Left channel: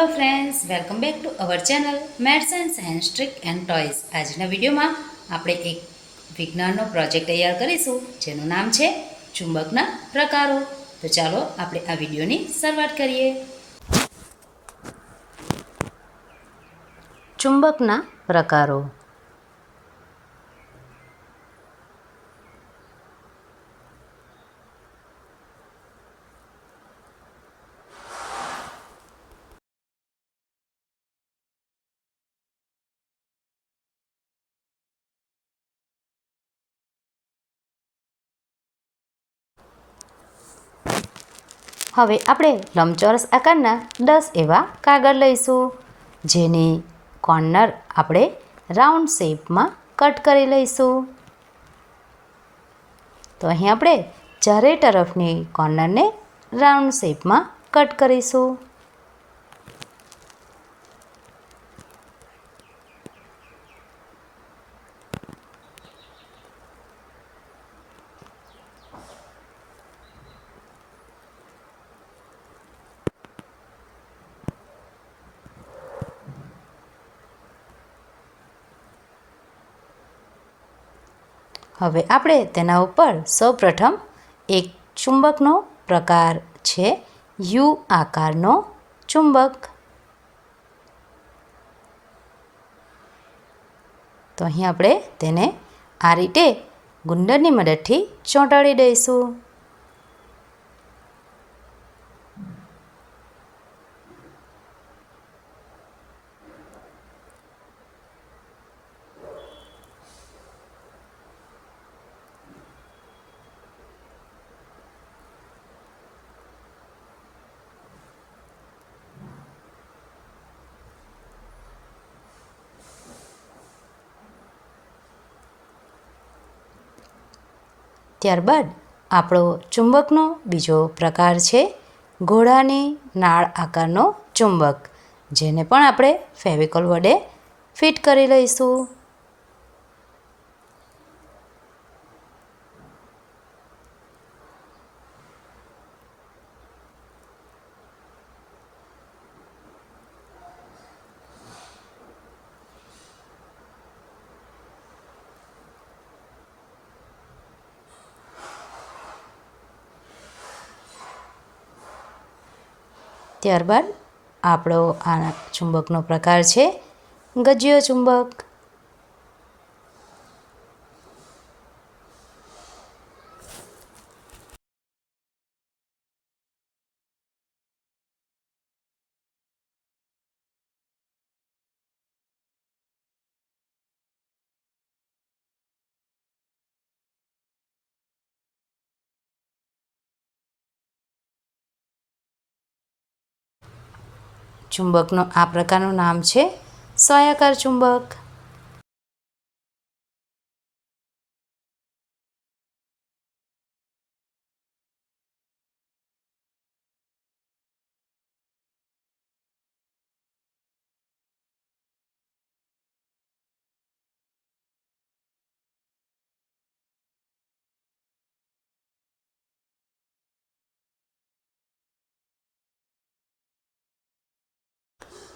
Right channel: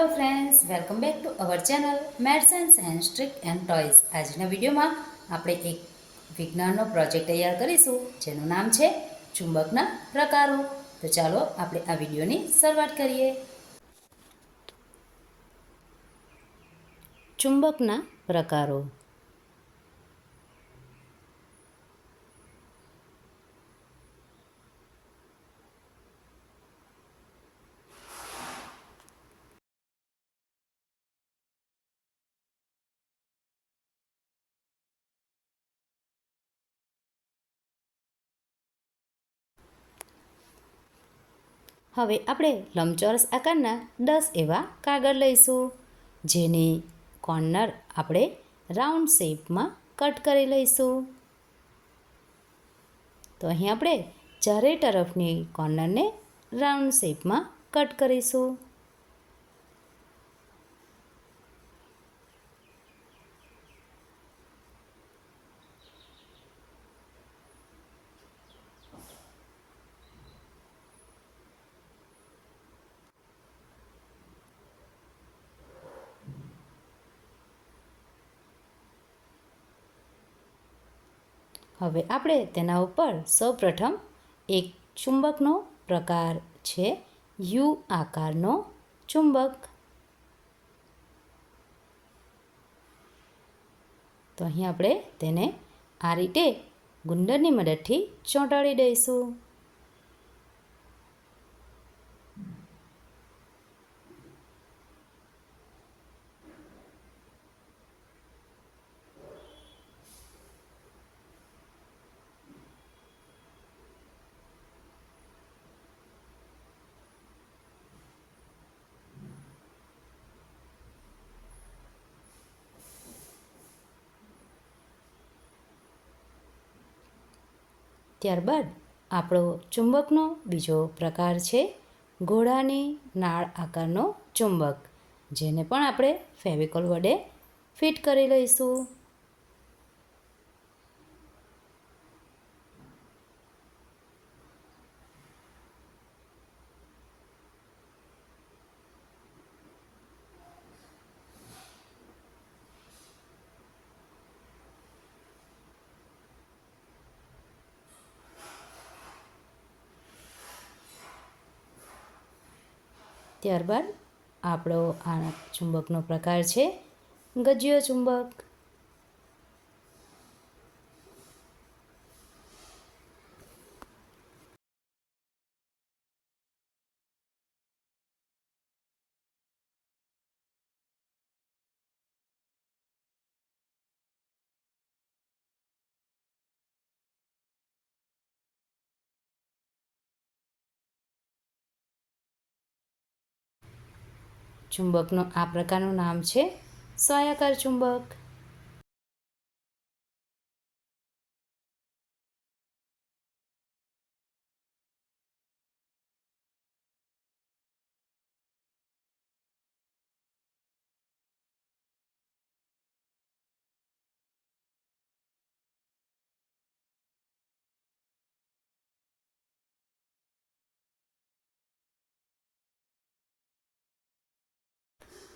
Hello friends, welcome back to our channel maths and science trick and toys. આજના વિડીયોમાં આપણે એક વિજ્ઞાનનો પ્રોજેક્ટ તૈયાર કરીશું જેનું નામ છે ચુંબકના પ્રકારો. તો ચાલો આપણે આ વિડીયોની શરૂઆત કરીએ. ચુંબકના પ્રકારો. હવે આપણે લંબચોરસ આકારના 10 એવા કાગળ લઈશું, જેની કોર્નર આપણે રાઉન્ડ શેપમાં કટ કરી લઈશું. તો અહીં આપણે ચારેય તરફની કોર્નરને રાઉન્ડ શેપમાં કટ કરીશું. હવે આપણે તેના ઉપર સૌપ્રથમ એક ચુંબકનો પ્રકાર છે યુ આકારનો ચુંબક. તો અહીં આપણે તેને આ રીતે ગુંદરની મદદથી ચોંટાડી દઈશું. ત્યારબાદ આપણો ચુંબકનો બીજો પ્રકાર છે ઘોડાની નાળ આકારનો ચુંબક, જેને પણ આપણે ફેવિકોલ વડે ફિટ કરી લઈશું. ત્યારબાદ આપણો આ ચુંબકનો પ્રકાર છે ગજિયો ચુંબક. ચુંબકનો આ પ્રકારનું નામ છે સ્વાયાકાર ચુંબક.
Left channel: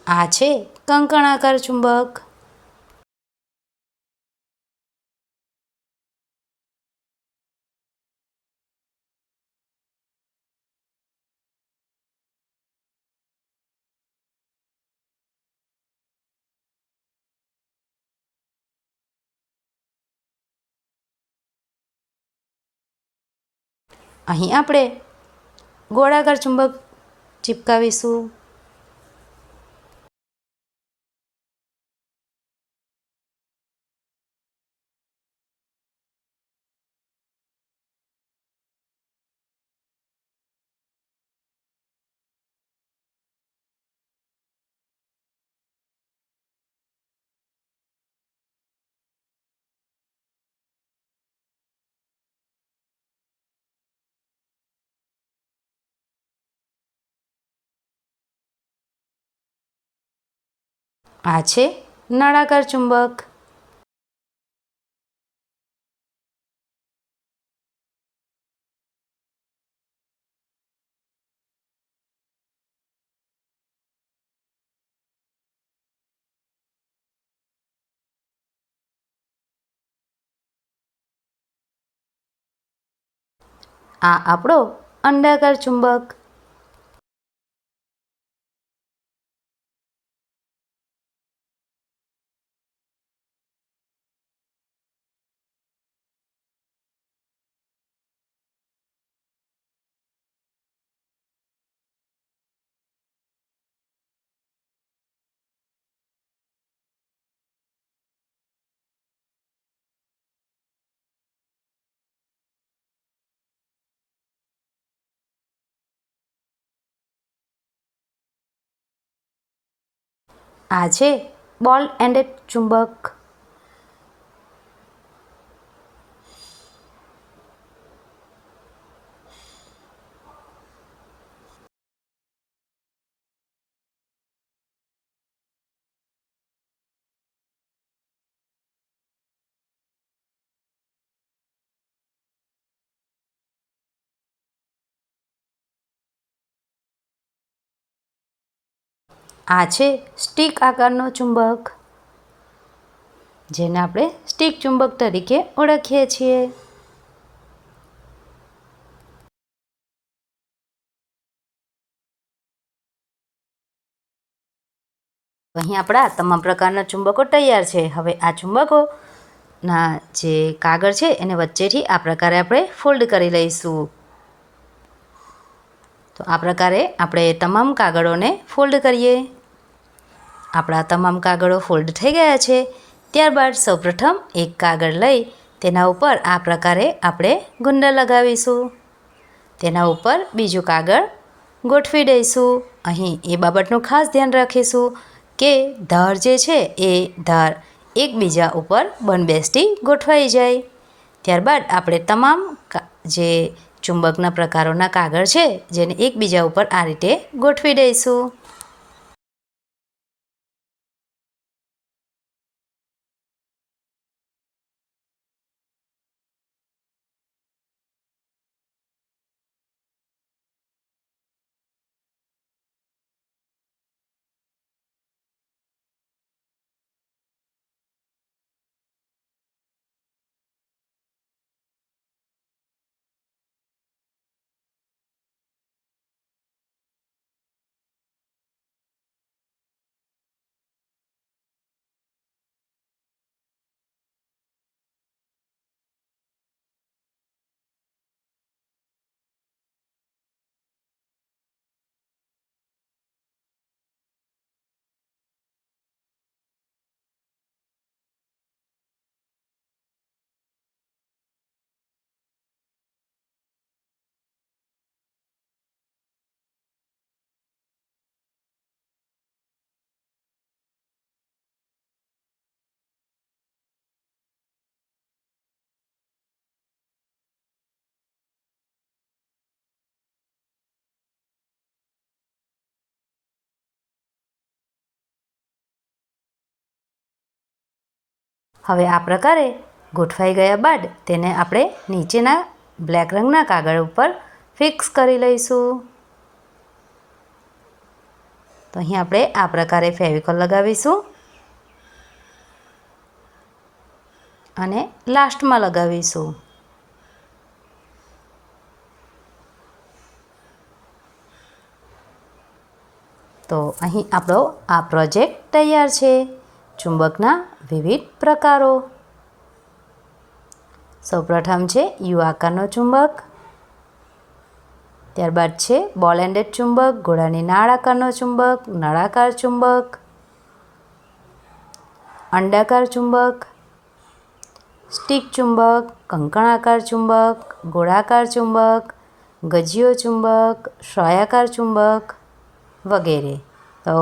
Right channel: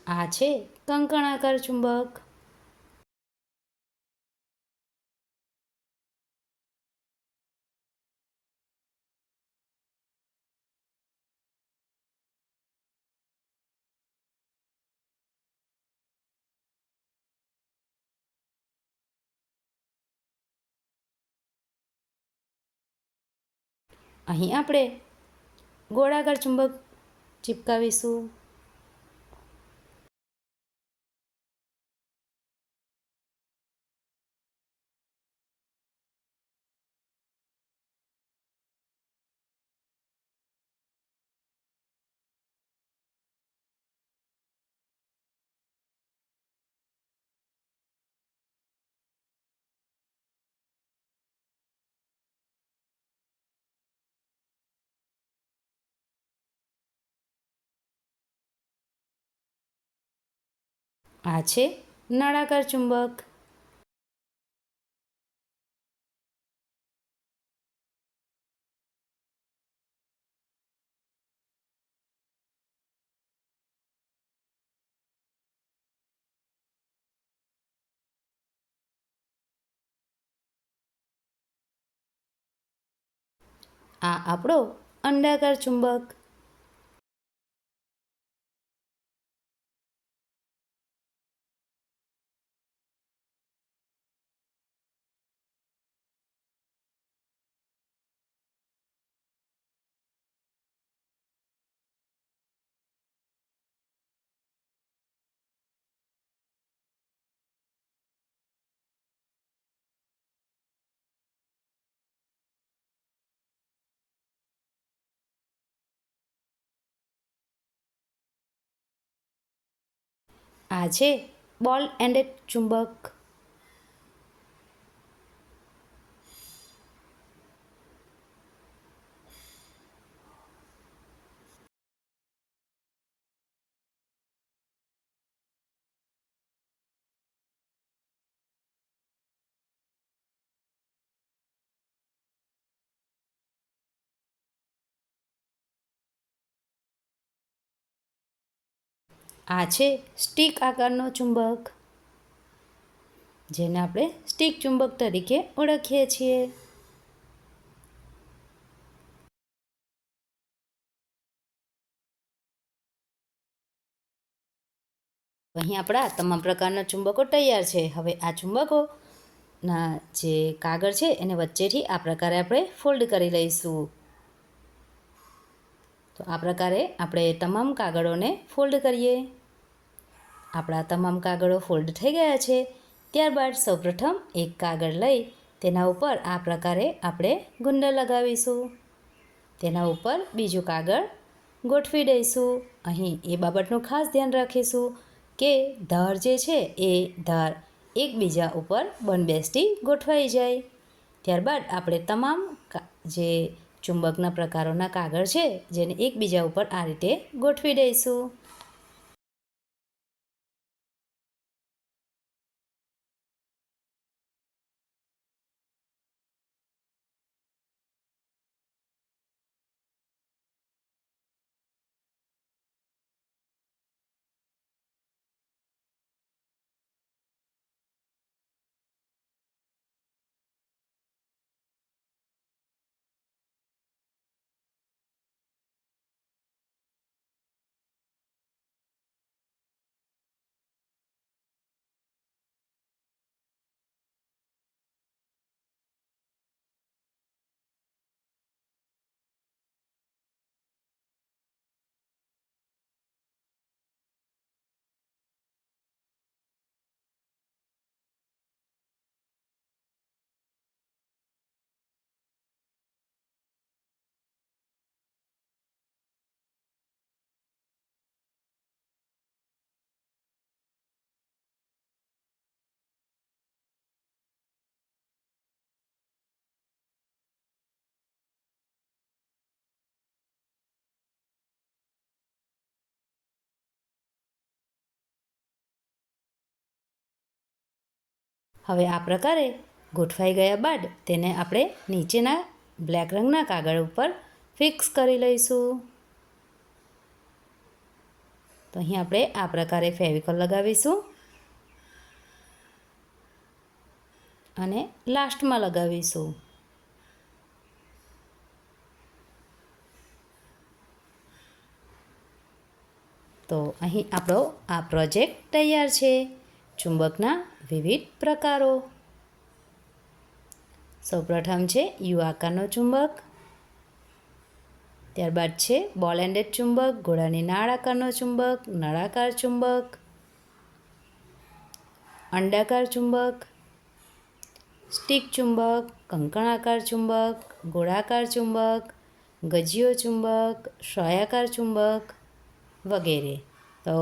આ છે કંકણાકાર ચુંબક. અહીં આપણે ગોળાકાર ચુંબક ચિપકાવીશું. આ છે નળાકાર ચુંબક. આ આપણો અંડાકાર ચુંબક. આ છે બોલ એન્ડેડ ચુંબક. આ છે સ્ટિક આકારનો ચુંબક, જેને આપણે સ્ટિક ચુંબક તરીકે ઓળખીએ છીએ. અહીં આપણા તમામ પ્રકારના ચુંબકો તૈયાર છે. હવે આ ચુંબકોના જે કાગળ છે એને વચ્ચેથી આ પ્રકારે આપણે ફોલ્ડ કરી લઈશું. તો આ પ્રકારે આપણે તમામ કાગળોને ફોલ્ડ કરીએ. આપણા તમામ કાગળો ફોલ્ડ થઈ ગયા છે. ત્યારબાદ સૌપ્રથમ એક કાગળ લઈ તેના ઉપર આ પ્રકારે આપણે ગુંડા લગાવીશું. તેના ઉપર બીજું કાગળ ગોઠવી દઈશું. અહીં એ બાબતનું ખાસ ધ્યાન રાખીશું કે ધાર જે છે એ ધાર એકબીજા ઉપર બંધબેસતી ગોઠવાઈ જાય. ત્યારબાદ આપણે તમામ જે ચુંબકના પ્રકારોના કાગળ છે જેને એકબીજા ઉપર આ રીતે ગોઠવી દઈશું. હવે આ પ્રકારે ગોઠવાઈ ગયા બાદ તેને આપણે નીચેના બ્લેક રંગના કાગળ ઉપર ફિક્સ કરી લઈશું. તો અહીં આપણે આ પ્રકારે ફેવિકોલ લગાવીશું અને લાસ્ટમાં લગાવીશું. તો અહીં આપણો આ પ્રોજેક્ટ તૈયાર છે. ચુંબકના વિવિધ પ્રકારો. સૌપ્રથમ છે યુ આકારનો ચુંબક, ત્યારબાદ છે બોલ એન્ડેડ ચુંબક, ઘોડાની નાળ આકારનો ચુંબક, નળાકાર ચુંબક, અંડાકાર ચુંબક, સ્ટિક ચુંબક, કંકણાકાર ચુંબક, ગોળાકાર ચુંબક, ગજિયો ચુંબક, શ્વાયાકાર ચુંબક વગેરે. તો